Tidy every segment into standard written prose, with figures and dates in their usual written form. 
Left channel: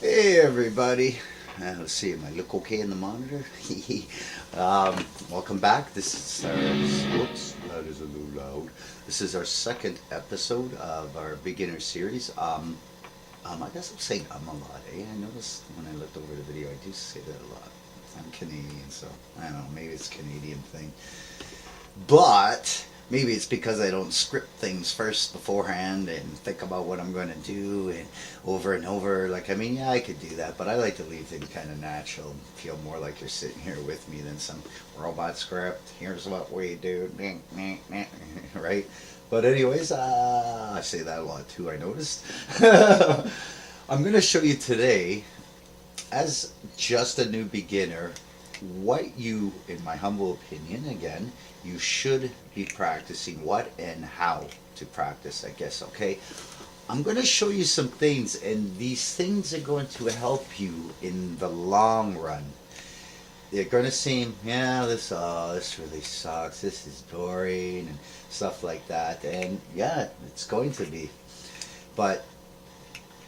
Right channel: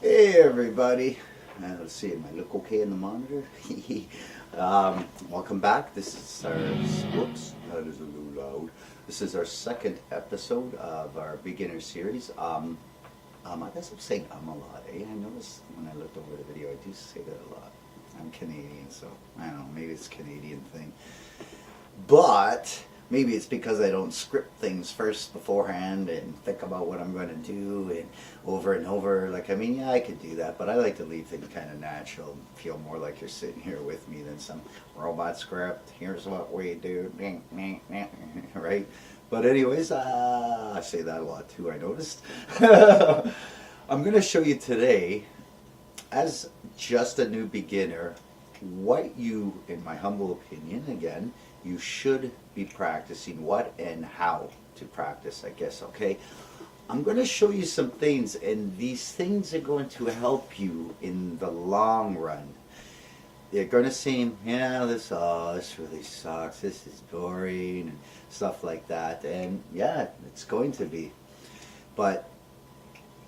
Hey everybody, let's see, am I look okay in the monitor? Welcome back. This is our, whoops, that is a little loud. This is our second episode of our beginner series. I guess I'm saying a lot, eh? I noticed when I looked over the video, I do say that a lot. I'm Canadian, so I don't know, maybe it's a Canadian thing. But maybe it's because I don't script things first beforehand and think about what I'm going to do and over. Like, I mean, yeah, I could do that, but I like to leave things kind of natural and feel more like you're sitting here with me than some robot script. Here's what we do, right? But anyways, I say that a lot too, I noticed. I'm going to show you today, as just a new beginner, what you, in my humble opinion, again, you should be practicing, what and how to practice, I guess, okay? I'm going to show you some things, and these things are going to help you in the long run. They're going to seem, yeah, this really sucks, this is boring, and stuff like that, and yeah, it's going to be. But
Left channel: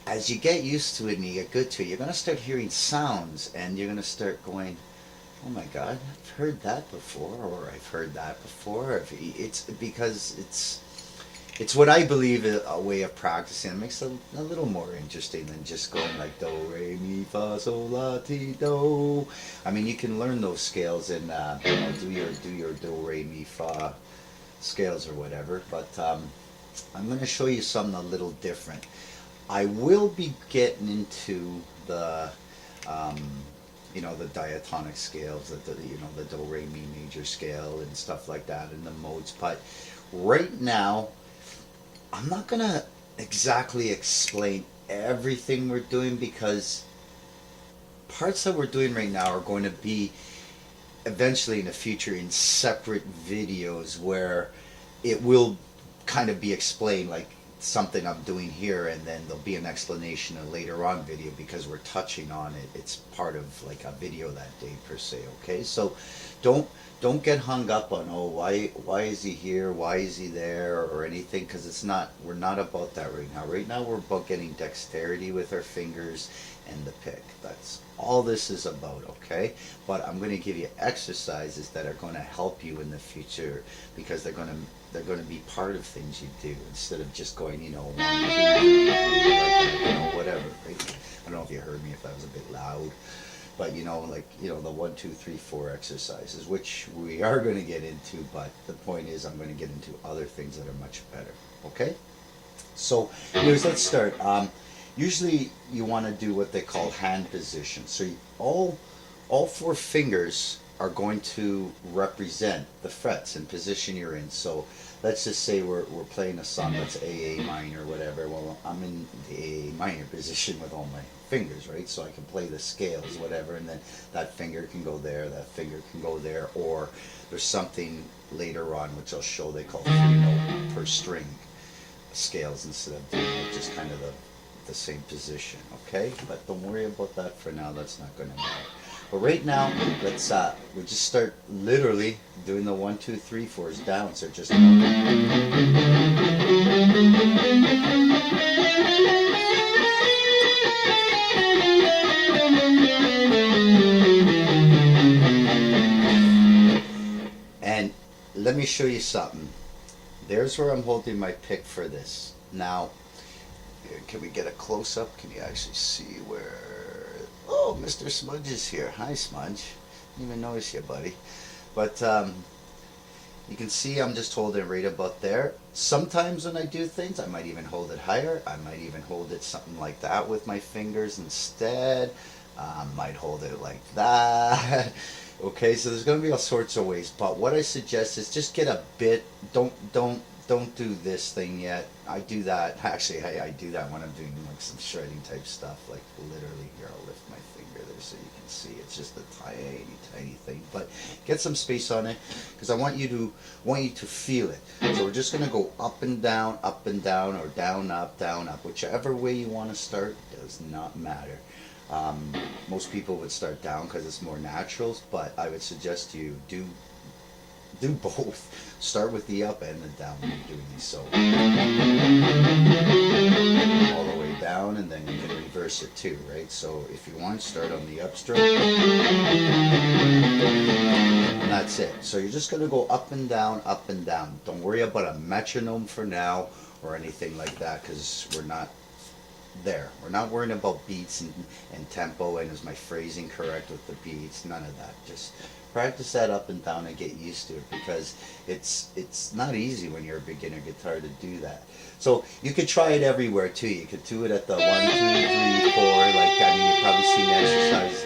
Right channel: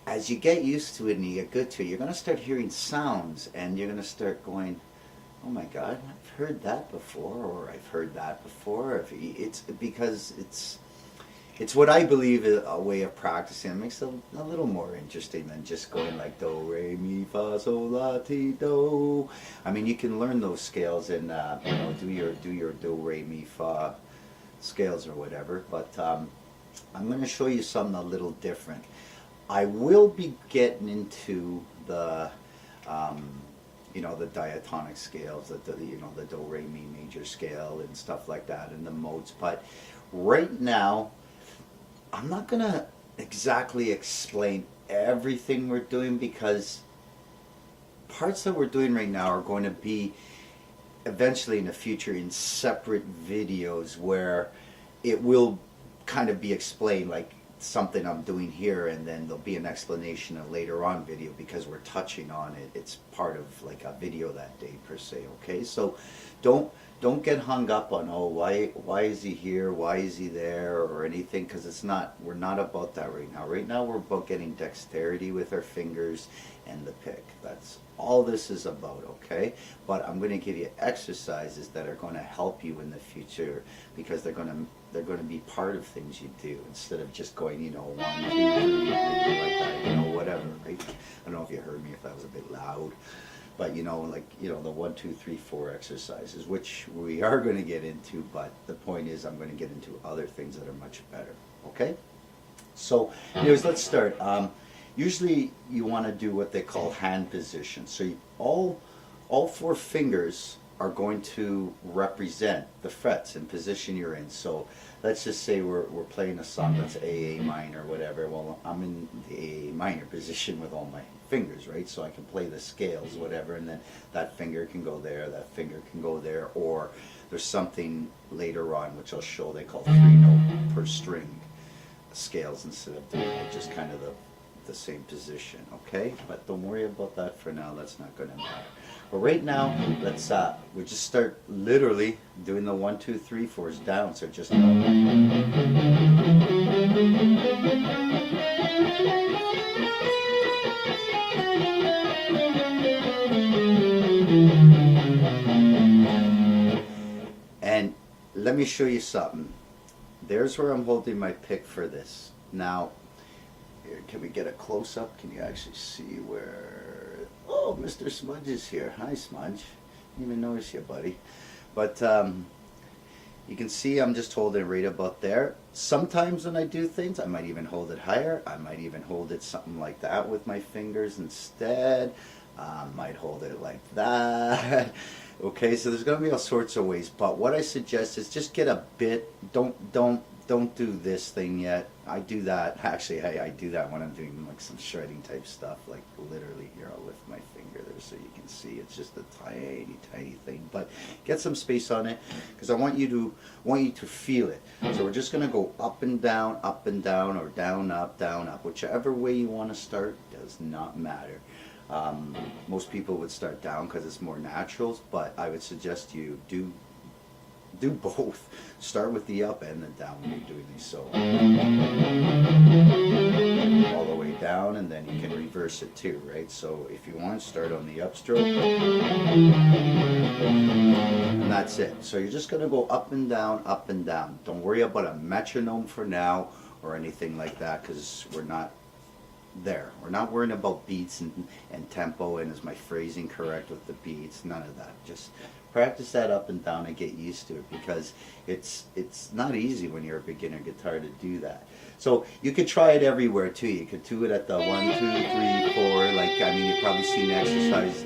as you get used to it and you get good to it, you're going to start hearing sounds, and you're going to start going, oh my God, I've heard that before, or I've heard that before. It's because it's what I believe is a way of practicing. It makes it a little more interesting than just going like do, re, mi, fa, sol, la, ti, do. I mean, you can learn those scales and do your do, re, mi, fa scales or whatever. But I'm going to show you something a little different. I will be getting into the the diatonic scales, the do, re, mi major scale and stuff like that, and the modes. But right now, I'm not gonna exactly explain everything we're doing, because parts that we're doing right now are going to be eventually in the future in separate videos where it will kind of be explained, like something I'm doing here, and then there'll be an explanation in a later on video because we're touching on it. It's part of like a video that day per se. Okay, so don't get hung up on, oh, why is he here, why is he there, or anything, because it's not, we're not about that right now. Right now we're about getting dexterity with our fingers and the pick. That's all this is about, okay? But I'm going to give you exercises that are going to help you in the future, because they're going to be part of things you do, instead of just going, 1, 2, 3, like that, whatever, right? I don't know if you heard me, if that was a bit loud, but the 1, 2, 3, 4 exercises, which we are going to get into, but the point is I'm going to get into other things that are much better, okay? So anyways, let's start. Usually you want to do what they call hand position. So all 4 fingers are going to represent the frets and position you're in. So let's just say we're playing a song that's A minor, whatever. Well, I'm in the A minor position with all my fingers, right? So I can play the scales, whatever, and then that finger can go there, that finger can go there, or there's something later on which I'll show they call 3-note per string scales, instead of doing like just kind of the same position, okay? But don't worry about that for now, that's not going to matter. But right now, let's we just start literally doing the 1, 2, 3, 4s down. So just and let me show you something. There's where I'm holding my pick for this. Now, can we get a close up? Can you actually see where? Oh, Mr. Smudge is here. Hi, Smudge. Didn't even notice you, buddy. But you can see I'm just holding right about there. Sometimes when I do things, I might even hold it higher. I might even hold it something like that with my fingers instead. Might hold it like that. Okay, so there's going to be all sorts of ways. But what I suggest is just get a bit. Don't do this thing yet. I do that. Actually, I do that when I'm doing like some shredding type stuff. Like literally, here, I'll lift my finger there so you can see. It's just a tiny, tiny thing. But get some space on it, because I want you to feel it. So we're just gonna go up and down, or down, up. Whichever way you want to start does not matter. Most people would start down because it's more natural, but I would suggest you do both. Start with the up and then down when you're doing these. So all the way down, and then you can reverse it too, right? So if you want, start on the upstroke, and that's it. So you're just going to go up and down, up and down. Don't worry about a metronome for now or anything like that, because we're not there. We're not worrying about beats and tempo, and is my phrasing correct with the beats? None of that. Just practice that up and down and get used to it, because it's not easy when you're a beginner guitar to do that. So you could try it everywhere too. You could do it at the 1, 2, 3, 4. Like, I mean, you've probably seen exercise.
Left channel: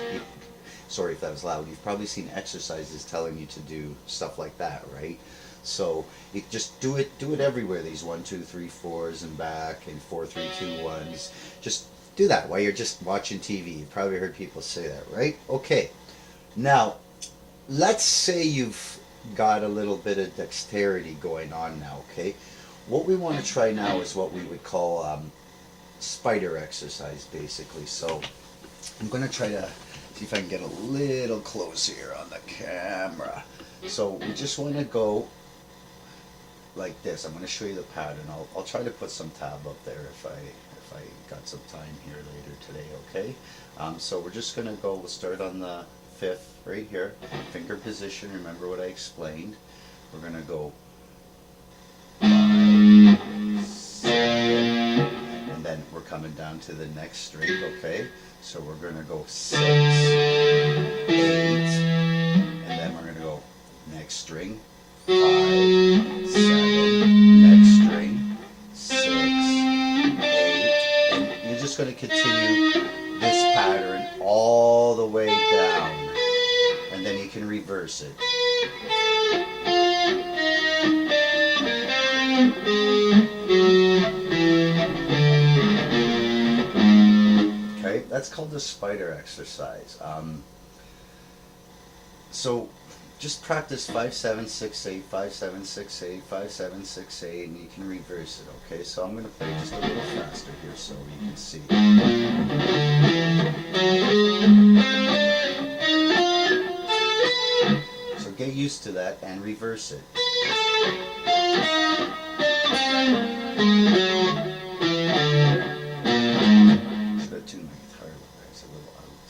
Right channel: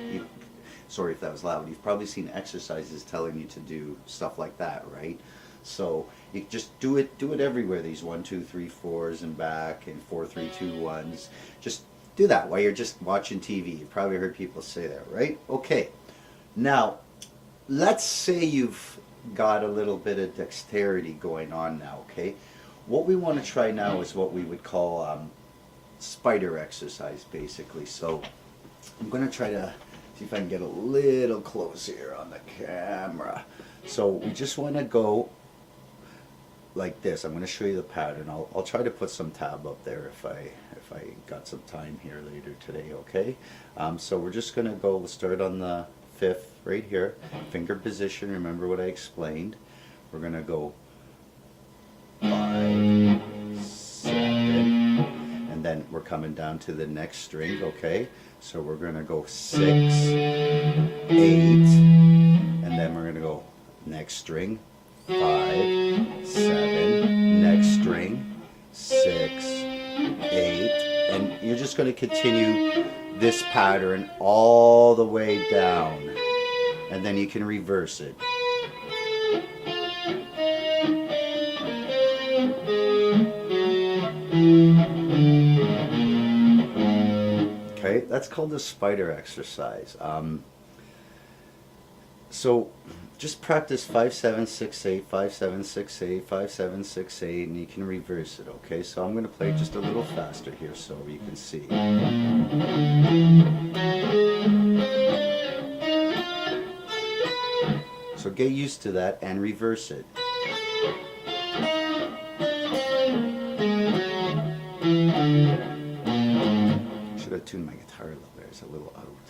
Sorry if that was loud. You've probably seen exercises telling you to do stuff like that, right? So you just do it everywhere. These 1, 2, 3, 4s and back, and 4, 3, 2, 1s. Just do that while you're just watching TV. You probably heard people say that, right? Okay. Now, let's say you've got a little bit of dexterity going on now, okay? What we want to try now is what we would call spider exercise, basically. So I'm going to try to see if I can get a little closer here on the camera. So we just want to go like this. I'm going to show you the pattern. I'll try to put some tab up there if I got some time here later today, okay? So we're just going to go, we'll start on the 5th right here, finger position. Remember what I explained. We're going to go 5, 7, and then we're coming down to the next string, okay? So we're going to go 6, 8, and then we're going to go next string, 5, 7, next string, 6, 8, and you're just going to continue this pattern all the way down, and then you can reverse it. Okay, that's called the spider exercise. So just practice 5, 7, 6, 8, 5, 7, 6, 8, 5, 7, 6, 8, and you can reverse it, okay? So I'm going to play just a little faster here so you can see. So get used to that and reverse it. Should have tuned my guitar a little there, it's a little out.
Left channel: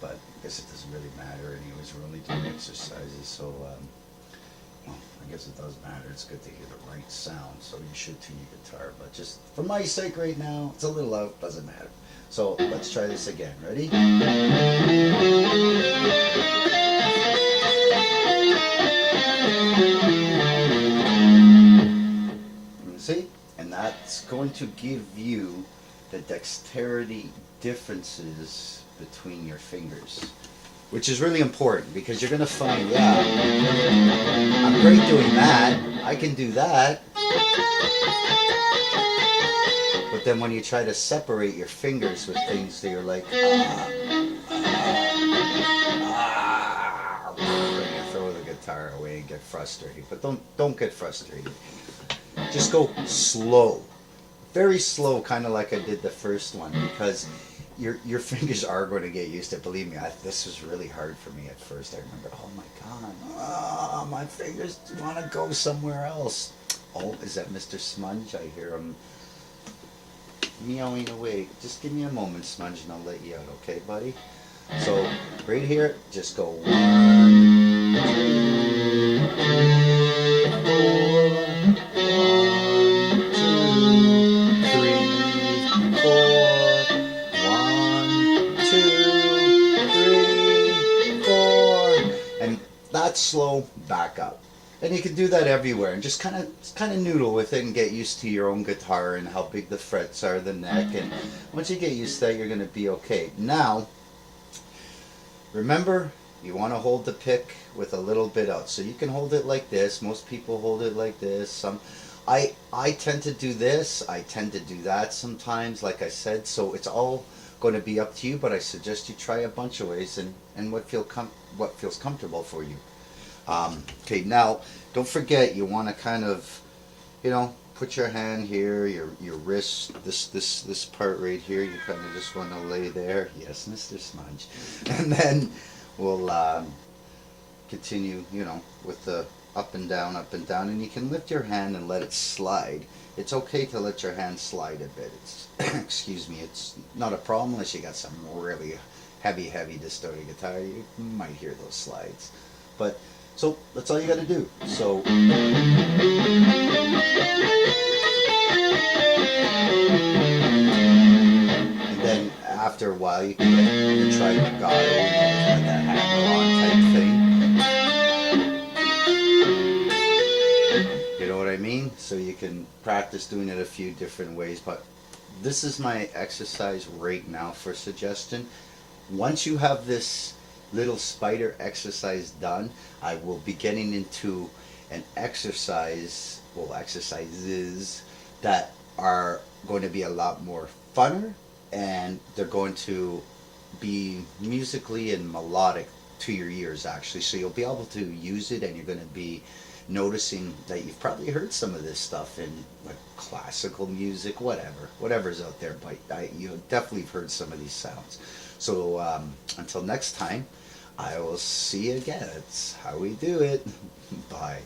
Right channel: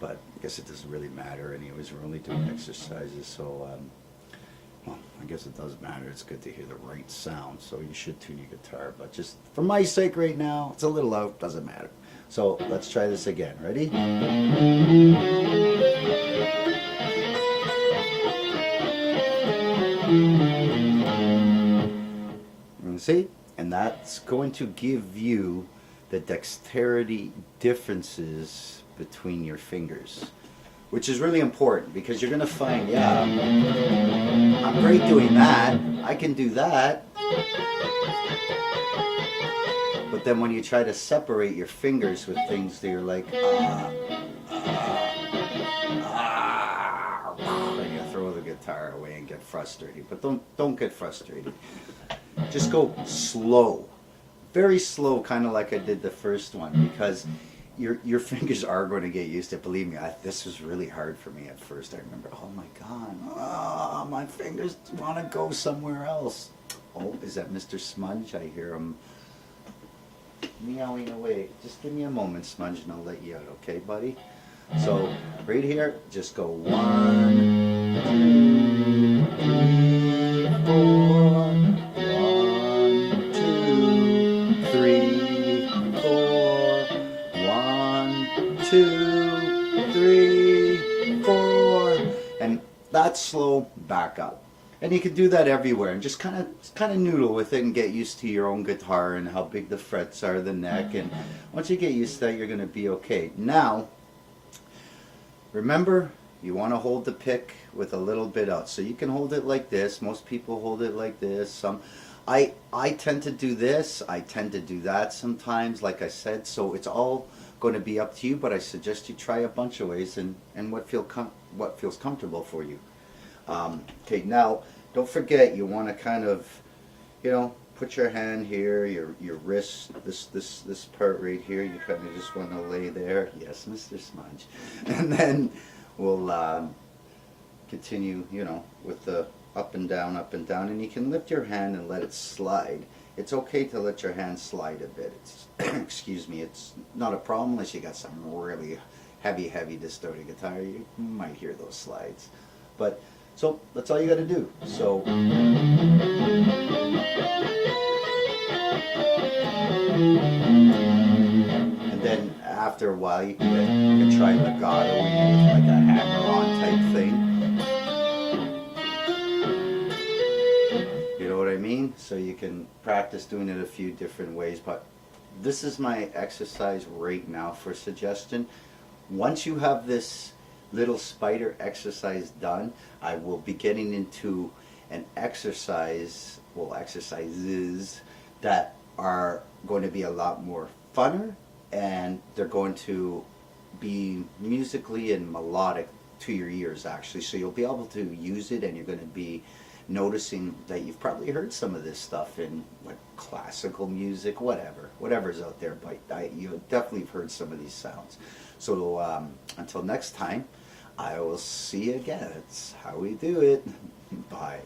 But I guess it doesn't really matter anyways, we're only doing exercises, so well, I guess it does matter. It's good to hear the right sound, so you should tune your guitar, but just for my sake right now, it's a little out, doesn't matter. So let's try this again. Ready? See? And that's going to give you the dexterity differences between your fingers, which is really important, because you're going to find, yeah, I'm great doing that, I can do that, but then when you try to separate your fingers with things that you're like, and you throw the guitar away and get frustrated. But don't get frustrated. Just go slow, very slow, kind of like I did the first one, because your fingers are going to get used to it. Believe me, this was really hard for me at first. I remember, oh my God, my fingers want to go somewhere else. Oh, is that Mr. Smudge? I hear him meowing away. Just give me a moment, Smudge, and I'll let you out, okay, buddy? So right here, just go 1, 2, 3, 4. 1, 2, 3, 4, and that's slow. Back up, and you can do that everywhere, and just kind of noodle with it and get used to your own guitar and how big the frets are, the neck, and once you get used to that, you're going to be okay. Now, remember, you want to hold the pick with a little bit out, so you can hold it like this. Most people hold it like this. I tend to do this. I tend to do that sometimes, like I said. So it's all going to be up to you. But I suggest you try a bunch of ways and what feels comfortable for you. Okay, now don't forget, you want to kind of, put your hand here, your wrist, this part right here. You kind of just want to lay there. Yes, Mr. Smudge, and then we'll continue, with the up and down, and you can lift your hand and let it slide it's okay to let your hand slide a bit. It's excuse me, it's not a problem unless you got some really heavy distorted guitar. You might hear those slides, but so that's all you got to do. So and then after a while, you can try legato, with like a hammer-on type thing. You know what I mean? So you can practice doing it a few different ways. But this is my exercise right now for suggestion. Once you have this little spider exercise done, I will be getting into an exercise, well, exercises that are going to be a lot more funner, and they're going to be musically and melodic to your ears actually, so you'll be able to use it, and you're going to be noticing that you've probably heard some of this stuff in like classical music, whatever's out there, but you definitely have heard some of these sounds. So until next time, I will see you again. It's how we do it. Bye.